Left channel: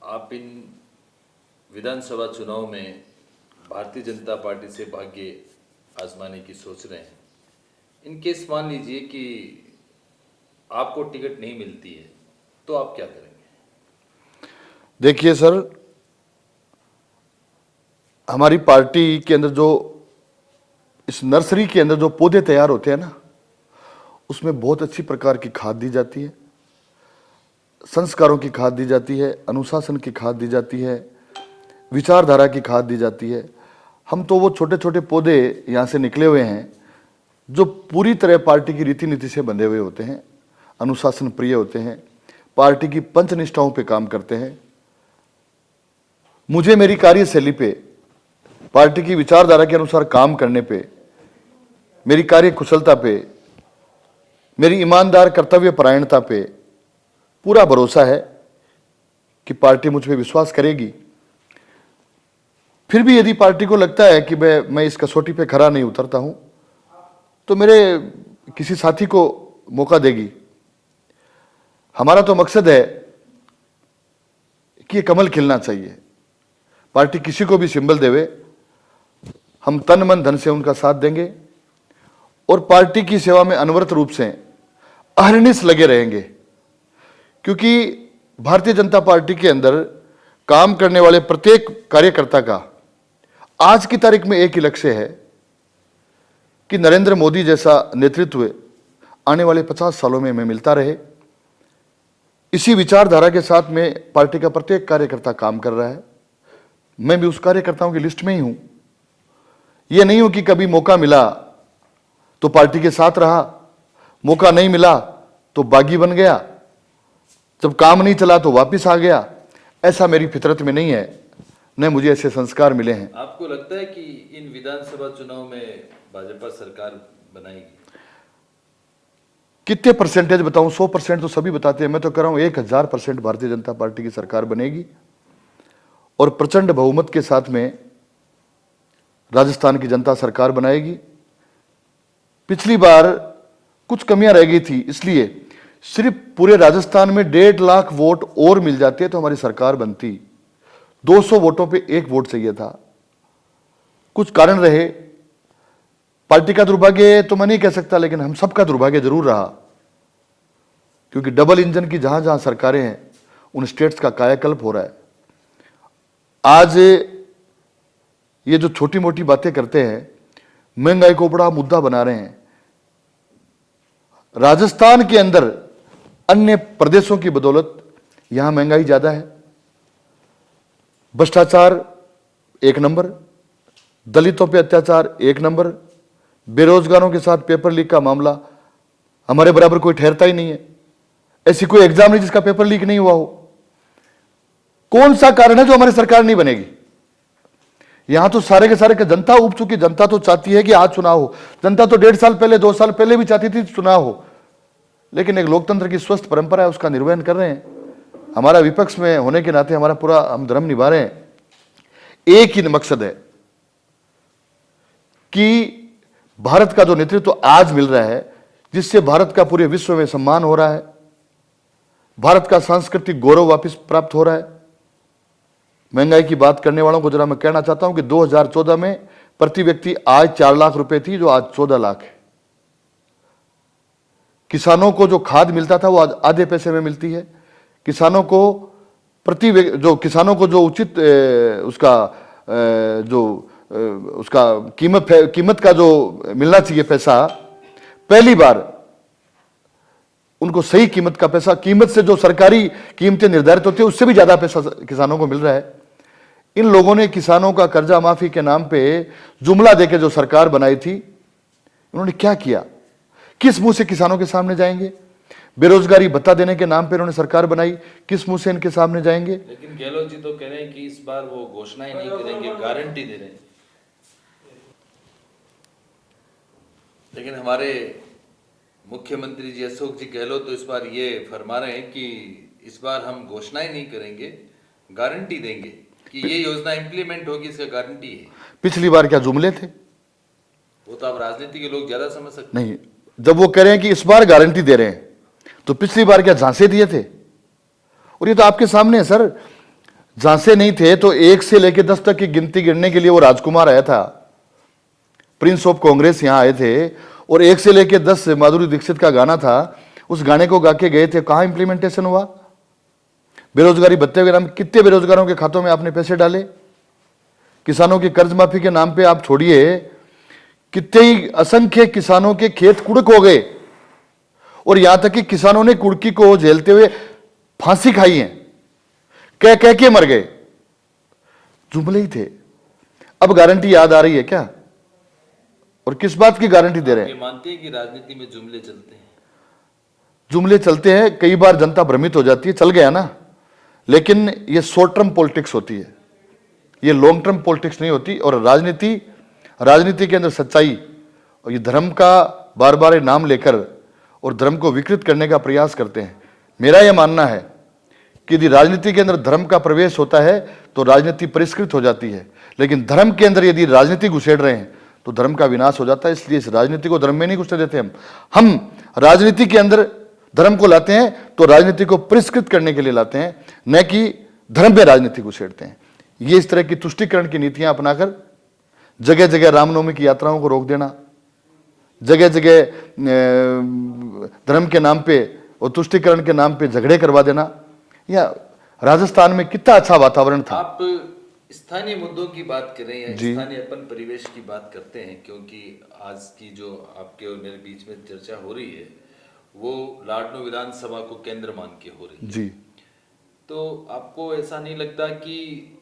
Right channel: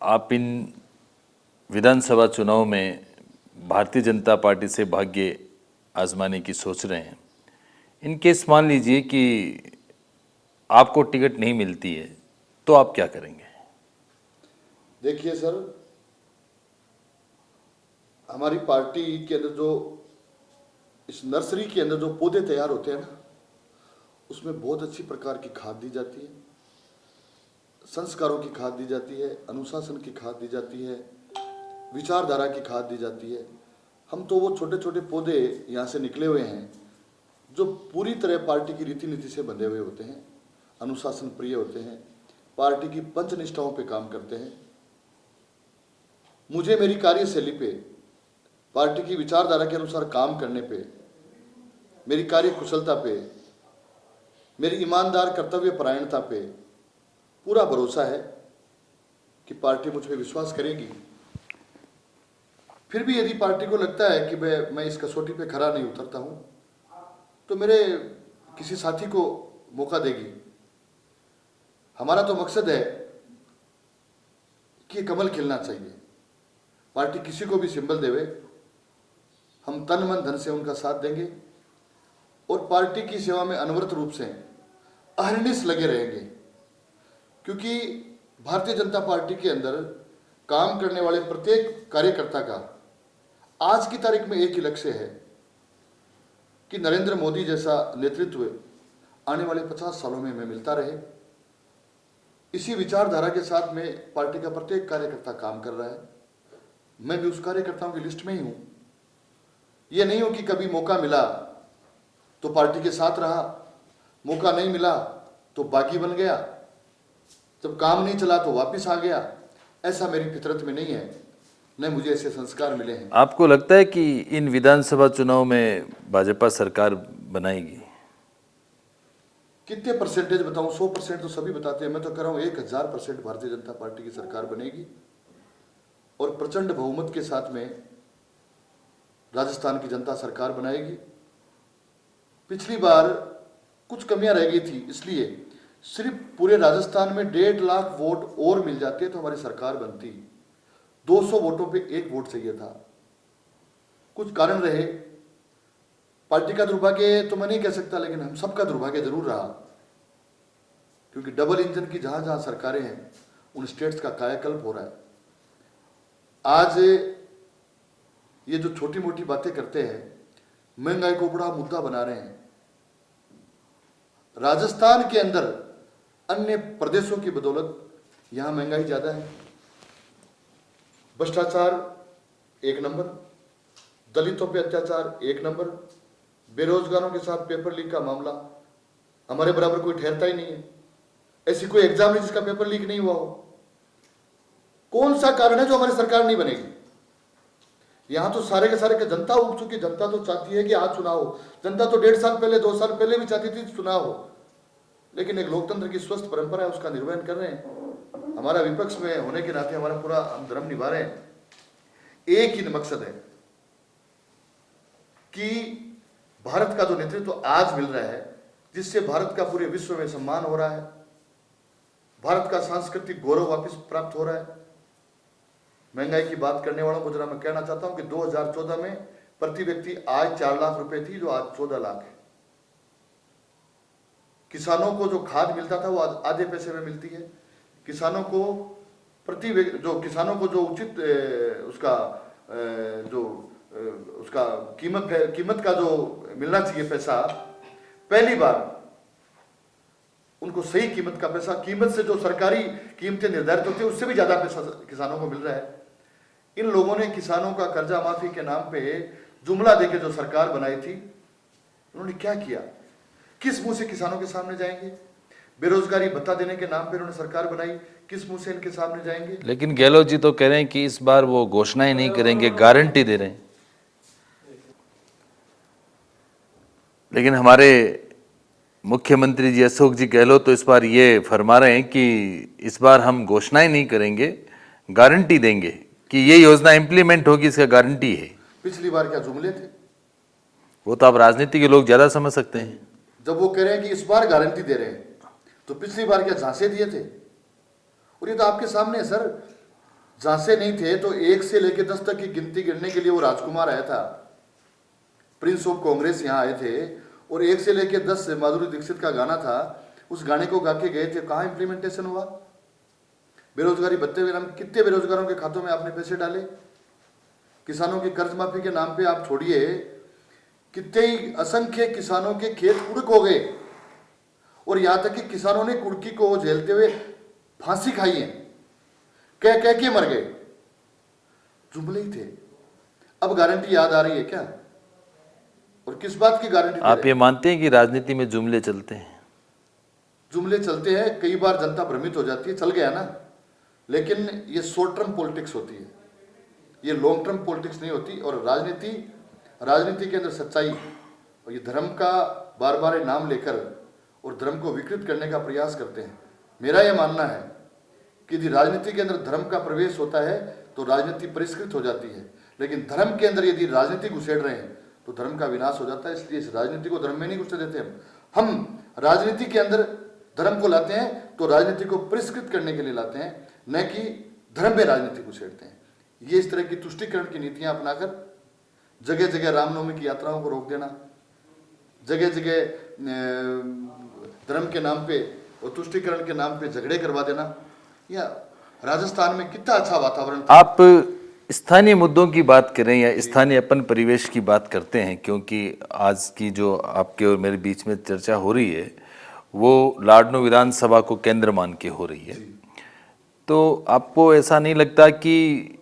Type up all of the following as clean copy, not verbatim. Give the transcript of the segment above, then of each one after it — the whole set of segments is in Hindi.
आप इन विधानसभा चुनाव में भारतीय जनता पार्टी से भाग्य आजमाने की सोच रहे हैं। इन केस मान लीजिए कि आपको टिकट नहीं मिलती है तो आप क्या करेंगे? देखिए सर, हमारी पार्टी के अंदर जो इस नर्सरी के अंदर जो पौधे तैयार होते हैं ना, उसमें बहुत अच्छी प्रकार की खाद दी जाती है, संस्कारों की खाद दी जाती है, अनुशासन की खाद दी जाती है, विचारधारा की खाद दी जाती है। हम तो वो छोटे छोटे पौधे यहाँ से निकले हुए हैं जो पूरी तरह पार्टी की रीति नीति से बंधे हुए होते हैं, अनुशासन प्रिय होते हैं, पार्टी की पंचनिष्ठाओं पे काम करते हैं। मुझे मेरी कार्यशैली पे, पार्टी की विचारधारा के अनुसार काम करने पे, मेरी कार्य कुशलता पे, मेरी ईमानदार कर्तव्य परायणता पे पूरा भरोसा है कि पार्टी मुझ पे विश्वास करेगी। फिर भी यदि पार्टी को लगता है कि मैं इस कसौटी पे खरा नहीं उतरता हूं, तो मेरे किसी साथी को मौका देगी। हमारा तो मकसद है कि ये कमल खिलना चाहिए। पार्टी किसी को भी सिंबल देवे, हम तन मन धन से उनका साथ देंगे और पार्टी की सेवा में अनवरत रूप से अहर्निश लगे रहेंगे। क्योंकि भारतीय जनता पार्टी के अंदर काम करने वाले प्रत्येक कार्यकर्ता का आज की तारीख में एक ही लक्ष्य है कि नरेंद्र मोदी जैसा नेतृत्व आने वाले 50 सालों में हमें मिलता रहे। इसी विचारधारा के साथ में पार्टी का प्रत्येक कार्यकर्ता काम कर रहा है। मैं भी उस कार्यकर्ताओं की लिस्ट में ही हूं। यह नहीं हो कि कभी मौका मिला तो पार्टी के साथ रहा, मौका नहीं मिला तो बागी बन गया, जब काम नहीं चला तो वापस आ गया। ऐसा मेरी फितरत में नहीं है, न मुझे ऐसे संस्कार मिले हैं। आपको लगता है कि इन विधानसभा चुनाव में भाजपा सरकार बनाएगी? कितने परसेंटेज बताऊं? 100% तो सभी बताते हैं। मैं तो कह रहा हूं 1000% भारतीय जनता पार्टी की सरकार बनेगी और प्रचंड बहुमत के साथ में राजस्थान की जनता सरकार बनाएगी। पिछली बार कुछ कमियां रह गई थी, इसलिए सिर्फ पूरे राजस्थान में 1.5 लाख वोट और मिल जाते तो हमारी सरकार बनती। 200 वोटों पे 1 वोट चाहिए था। कुछ कारण रहे, पार्टी का दुर्भाग्य तो मैं नहीं कह सकता, लेकिन हम सबका दुर्भाग्य जरूर रहा, क्योंकि डबल इंजन की जहां जहां सरकारें हैं उन स्टेट्स का कायाकल्प हो रहा है। आज ये जो छोटी मोटी बातें करते हैं, महंगाई को बड़ा मुद्दा बना रहे हैं। राजस्थान के अंदर अन्य प्रदेशों की बदौलत यहां महंगाई ज्यादा है, भ्रष्टाचार 1 नंबर, दलितों पे अत्याचार 1 नंबर, बेरोजगारों के साथ पेपर लीक का मामला हमारे बराबर कोई ठहरता ही नहीं है। ऐसी कोई एग्जाम नहीं जिसका पेपर लीक नहीं हुआ हो। कौन सा कारण है जो हमारी सरकार नहीं बनेगी? यहां तो सारे के सारे जनता उब चुकी। जनता तो चाहती है कि आज चुनाव हो। जनता तो 1.5 साल पहले, 2 साल पहले भी चाहती थी चुनाव हो, लेकिन एक लोकतंत्र की स्वस्थ परंपरा है, उसका निर्वहन कर रहे हैं। हमारा विपक्ष में होने के नाते हमारा पूरा हम धर्म निभा रहे हैं। एक ही मकसद है कि भारत का जो नेतृत्व आज मिल रहा है, जिससे भारत का पूरे विश्व में सम्मान हो रहा है, भारत का सांस्कृतिक गौरव वापस प्राप्त हो रहा है। महंगाई की बात करने वालों को जरा मैं कहना चाहता हूं कि 2014 में प्रति व्यक्ति आय 4 लाख रुपए थी, जो आज 14 लाख है। किसानों को जो खाद मिलता था वो आज आधे पैसे में मिलती है। किसानों को जो उचित उसका कीमत का जो मिलना चाहिए पैसा, पहली बार उनको सही कीमत का पैसा, कीमत से जो सरकारी कीमतें निर्धारित होती है उससे भी ज्यादा पैसा किसानों को मिल रहा है। इन लोगों ने किसानों का कर्जा माफी के नाम पे जुमला देके जो सरकार बनाई थी, उन्होंने क्या किया? किस मुंह से किसानों के सामने जाएंगे? बेरोजगारी भत्ता देने के नाम पे उन्होंने सरकार बनाई, किस मुंह से इनके सामने जाएंगे? लेकिन गहलोत जी तो कह रहे हैं कि इस बार वो घोषणाएं नहीं करेंगे, गारंटी दे रहे हैं। लेकिन हमारे मुख्यमंत्री जी अशोक जी गहलोत तो इस बार ये फरमा रहे हैं कि इस बार हम घोषणाएं नहीं करेंगे, गारंटी देंगे कि ये योजना इंप्लीमेंट होगी, इसका गारंटी है। पिछली बार क्या जुमले थे? वो तो आप राजनीति के लोग ज्यादा समझ सकते हैं। नहीं, जब वो कह रहे हैं कि इस बार गारंटी दे रहे हैं, तो पिछली बार क्या झांसे दिए थे? और ये तो आपके सामने है सर। जहां से नहीं थे तो 1 से लेकर 10 तक की गिनती गिनने के लिए वो राजकुमार आया था, प्रिंस ऑफ कांग्रेस यहां आए थे, और 1 से लेकर 10 माधुरी दीक्षित का गाना था, उस गाने को गा के गए थे, कहां इंप्लीमेंटेशन हुआ? बेरोजगारी भत्ते के नाम कितने बेरोजगारों के खातों में आपने पैसे डाले? किसानों की कर्ज माफी के नाम पे आप छोड़िए, कितने ही असंख्य किसानों के खेत कुड़क हो गए, और यहां तक कि किसानों ने कुड़की को झेलते हुए फांसी खाई है, कह कह के मर गए। जुमले ही थे। अब गारंटी याद आ रही है क्या? और किस बात की गारंटी दे आप रहे ये हैं? मानते हैं कि राजनीति में जुमले चलते हैं? जुमले चलते हैं, कई बार जनता भ्रमित हो जाती है, चल गया ना, लेकिन ये शॉर्ट टर्म पॉलिटिक्स होती है, ये लॉन्ग टर्म पॉलिटिक्स नहीं होती। और राजनीति के अंदर सच्चाई और ये धर्म का बार बार नाम लेकर और धर्म को विकृत करने का प्रयास करते हैं। मेरा यह मानना है कि यदि राजनीति के अंदर धर्म का प्रवेश होता है तो राजनीति परिष्कृत हो जाती है, लेकिन धर्म के अंदर यदि राजनीति घुसेड़ रहे हैं तो धर्म का विनाश हो जाता है। इसलिए इस राजनीति को धर्म में नहीं घुसने देते हम राजनीति के अंदर धर्म को लाते हैं तो राजनीति को परिष्कृत करने के लिए लाते हैं, न कि धर्म पे राजनीति घुसेड़ते हैं। ये इस तरह की तुष्टिकरण की नीतियां अपनाकर जगह जगह रामनवमी की यात्राओं को रोक देना, जगह जगह धर्म के नाम पे और तुष्टिकरण के नाम पे झगड़े करवा देना, या राजस्थान में कितना अच्छा वातावरण था। आप स्थानीय मुद्दों की बात करें या स्थानीय अपन परिवेश की बात करते हैं, क्योंकि आज की जो आपके और मेरे बीच में चर्चा हो रही है वो लाडनू विधानसभा को केंद्र मान के हो रही है जी। तो आपको ऐसा नहीं लगता कि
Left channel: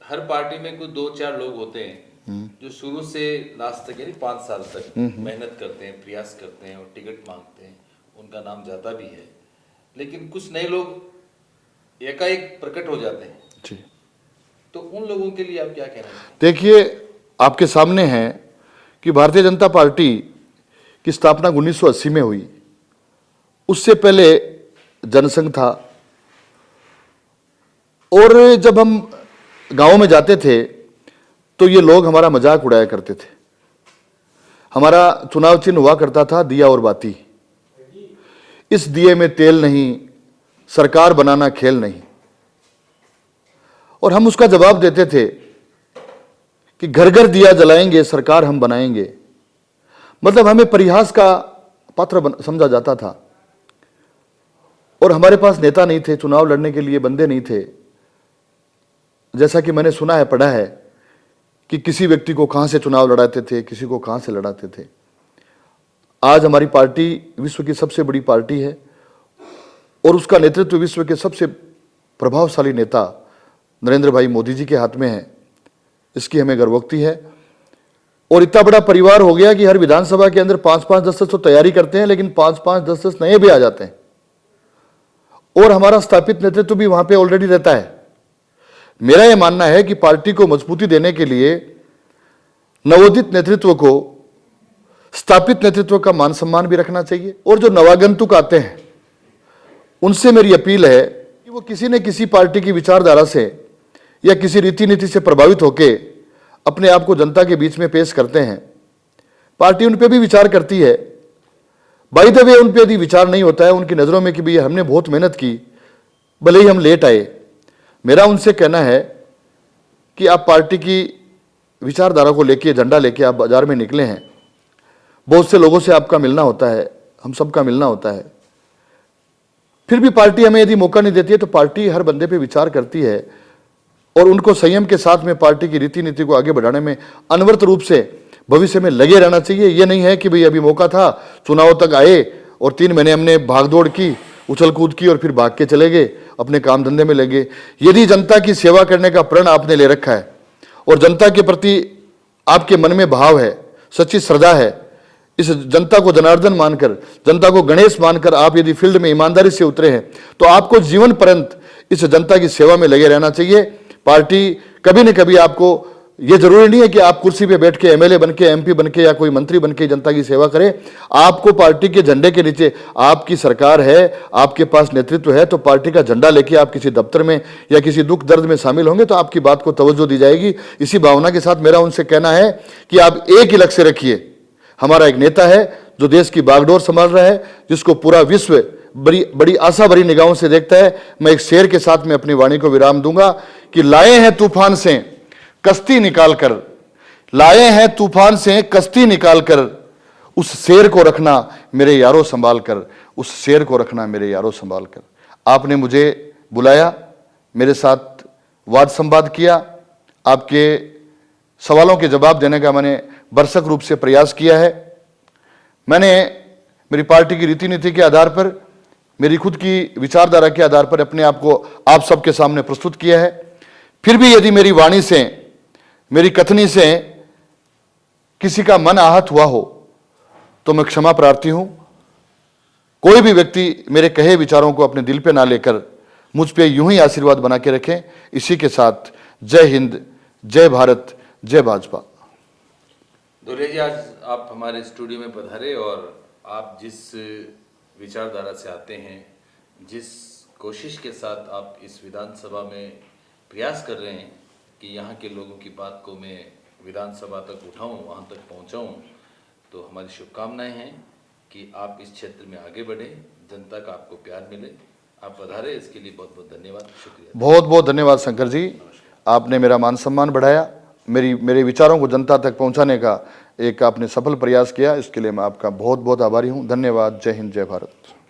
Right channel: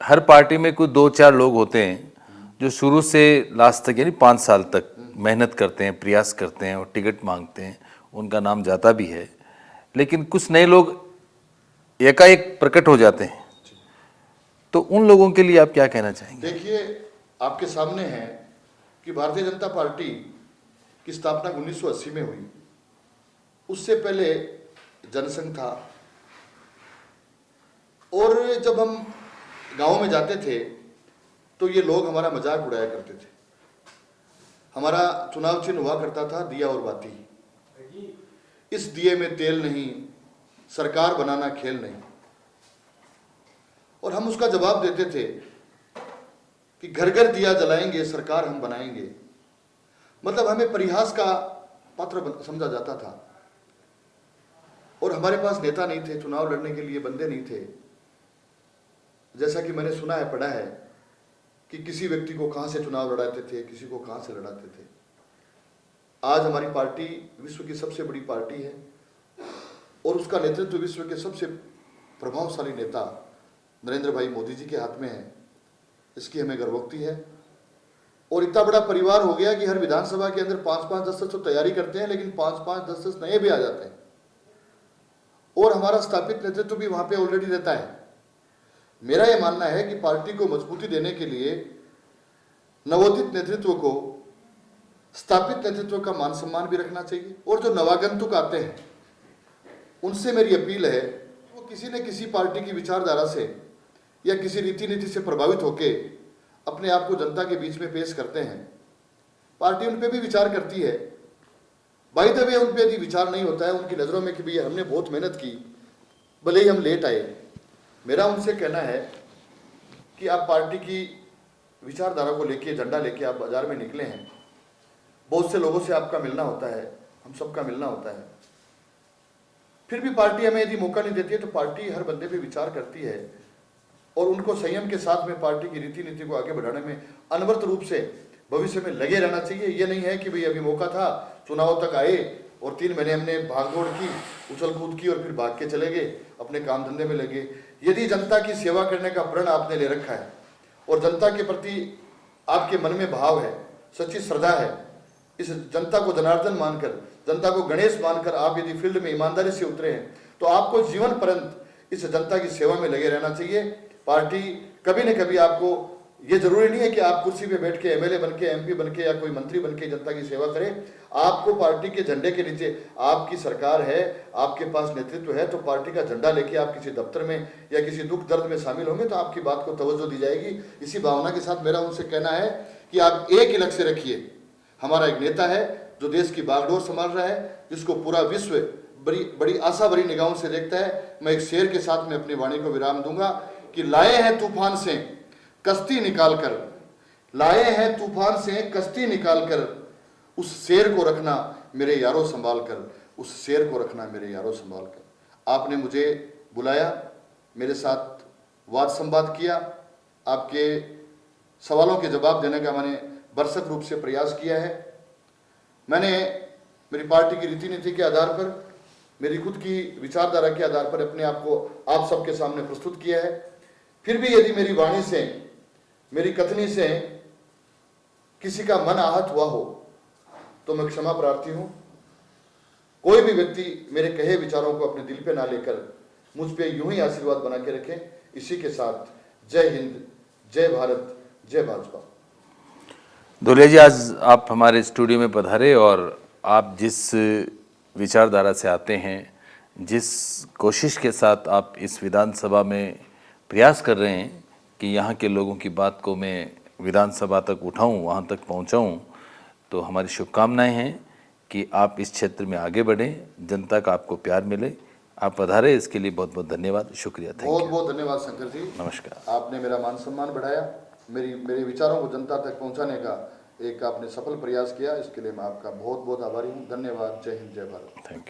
हर पार्टी में कुछ 2-4 लोग होते हैं जो शुरू से लास्ट तक यानी 5 साल तक मेहनत करते हैं, प्रयास करते हैं और टिकट मांगते हैं, उनका नाम जाता भी है, लेकिन कुछ नए लोग एकाएक प्रकट हो जाते हैं जी। तो उन लोगों के लिए आप क्या कहना चाहेंगे? देखिए, आपके सामने है कि भारतीय जनता पार्टी की स्थापना 1980 में हुई। उससे पहले जनसंघ था, और जब हम गांव में जाते थे तो ये लोग हमारा मजाक उड़ाया करते थे। हमारा चुनाव चिन्ह हुआ करता था दिया और बाती। इस दिए में तेल नहीं, सरकार बनाना खेल नहीं। और हम उसका जवाब देते थे कि घर घर दिया जलाएंगे, सरकार हम बनाएंगे। मतलब हमें परिहास का पात्र समझा जाता था, और हमारे पास नेता नहीं थे, चुनाव लड़ने के लिए बंदे नहीं थे। जैसा कि मैंने सुना है, पढ़ा है कि किसी व्यक्ति को कहां से चुनाव लड़ाते थे, किसी को कहां से लड़ाते थे। आज हमारी पार्टी विश्व की सबसे बड़ी पार्टी है, और उसका नेतृत्व विश्व के सबसे प्रभावशाली नेता नरेंद्र भाई मोदी जी के हाथ में है। इसकी हमें गर्वोक्ति है। और इतना बड़ा परिवार हो गया कि हर विधानसभा के अंदर 5-5, 10-10 तो तैयारी करते हैं, लेकिन 5-5, 10-10 नए भी आ जाते हैं, और हमारा स्थापित नेतृत्व भी वहां पे ऑलरेडी रहता है। मेरा यह मानना है कि पार्टी को मजबूती देने के लिए नवोदित नेतृत्व को स्थापित नेतृत्व का मान सम्मान भी रखना चाहिए। और जो नवागंतुक आते हैं उनसे मेरी अपील है कि वो किसी न किसी पार्टी की विचारधारा से या किसी रीति नीति से प्रभावित होकर अपने आप को जनता के बीच में पेश करते हैं। पार्टी उन पे भी विचार करती है। बाय द वे, उन पे यदि विचार नहीं होता है उनकी नज़रों में कि भाई हमने बहुत मेहनत की, भले ही हम लेट आए, मेरा उनसे कहना है कि आप पार्टी की विचारधारा को लेके, झंडा लेके आप बाजार में निकले हैं। बहुत से लोगों से आपका मिलना होता है, हम सबका मिलना होता है। फिर भी पार्टी हमें यदि मौका नहीं देती है तो पार्टी हर बंदे पे विचार करती है, और उनको संयम के साथ में पार्टी की रीति नीति को आगे बढ़ाने में अनवरत रूप से भविष्य में लगे रहना चाहिए। ये नहीं है कि भाई अभी मौका था, चुनाव तक आए और 3 महीने हमने भागदौड़ की, उछल कूद की और फिर भाग के चले गए, अपने काम धंधे में लगे। यदि जनता की सेवा करने का प्रण आपने ले रखा है और जनता के प्रति आपके मन में भाव है, सच्ची श्रद्धा है, इस जनता को जनार्दन मानकर, जनता को गणेश मानकर आप यदि फील्ड में ईमानदारी से उतरे हैं तो आपको जीवन पर्यंत इस जनता की सेवा में लगे रहना चाहिए। पार्टी कभी न कभी आपको, यह जरूरी नहीं है कि आप कुर्सी पे बैठ के एमएलए बन के, एमपी बन के या कोई मंत्री बन के जनता की सेवा करें। आपको पार्टी के झंडे के नीचे, आपकी सरकार है, आपके पास नेतृत्व है, तो पार्टी का झंडा लेके आप किसी दफ्तर में या किसी दुख दर्द में शामिल होंगे तो आपकी बात को तवज्जो दी जाएगी। इसी भावना के साथ मेरा उनसे कहना है कि आप एक ही लक्ष्य रखिए। हमारा एक नेता है जो देश की बागडोर संभाल रहा है, जिसको पूरा विश्व बड़ी बड़ी आशा भरी निगाहों से देखता है। मैं एक शेर के साथ में अपनी वाणी को विराम दूंगा कि लाए हैं तूफान से कश्ती निकालकर, लाए हैं तूफान से कश्ती निकालकर, उस शेर को रखना मेरे यारों संभाल कर, उस शेर को रखना मेरे यारों संभाल कर। आपने मुझे बुलाया, मेरे साथ वाद संवाद किया, आपके सवालों के जवाब देने का मैंने भरसक रूप से प्रयास किया है। मैंने मेरी पार्टी की रीति नीति के आधार पर, मेरी खुद की विचारधारा के आधार पर अपने आप को आप सबके सामने प्रस्तुत किया है। फिर भी यदि मेरी वाणी से, मेरी कथनी से किसी का मन आहत हुआ हो तो मैं क्षमा प्रार्थी हूं। कोई भी व्यक्ति मेरे कहे विचारों को अपने दिल पे ना लेकर मुझ पे यूं ही आशीर्वाद बना के रखें। इसी के साथ जय हिंद, जय भारत, जय भाजपा। धुलिया जी, आज आप हमारे स्टूडियो में पधारे और आप जिस विचारधारा से आते हैं, जिस कोशिश के साथ आप इस विधानसभा में प्रयास कर रहे हैं कि यहाँ के लोगों की बात को मैं विधानसभा तक उठाऊं, वहाँ तक पहुँचाऊं, तो हमारी शुभकामनाएं हैं कि आप इस क्षेत्र में आगे बढ़ें, जनता का आपको प्यार मिले। आप पधारे, इसके लिए बहुत बहुत धन्यवाद, शुक्रिया। बहुत बहुत धन्यवाद शंकर जी, नमस्कार। आपने मेरा मान सम्मान बढ़ाया, मेरे विचारों को जनता तक पहुंचाने का एक आपने सफल प्रयास किया, इसके लिए मैं आपका बहुत बहुत आभारी हूं। धन्यवाद। जय हिंद, जय भारत।